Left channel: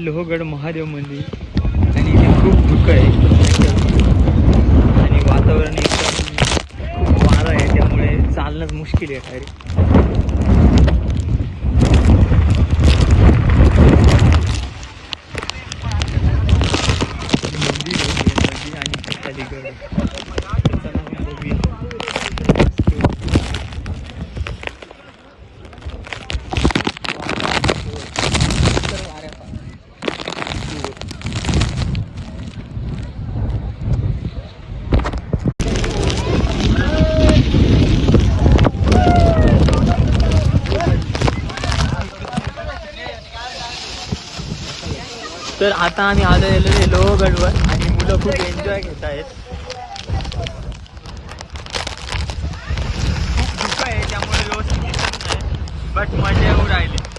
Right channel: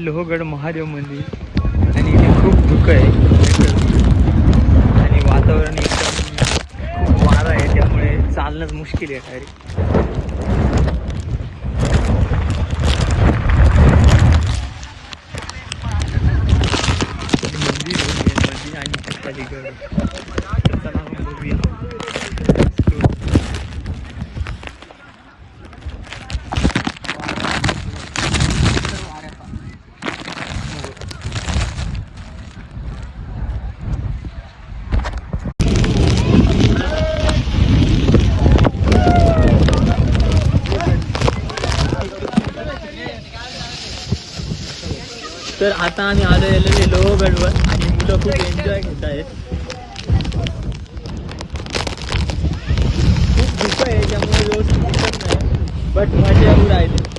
लोहगड महादेव मंदिर आणि इथे खूप धुकं आहे आणि वातावरण एकदम वारा आहे, त्यामुळे चालणंच मुश्किल आहे डायरेक्ट. तर आता आम्ही आलेलो लोहगडवर आणि मुलं खूप एन्जॉय घेत आहेत. खूप धुकं आहे त्यामुळे व्यवस्थित दिसत नाही, बट मजा येऊ राहिली.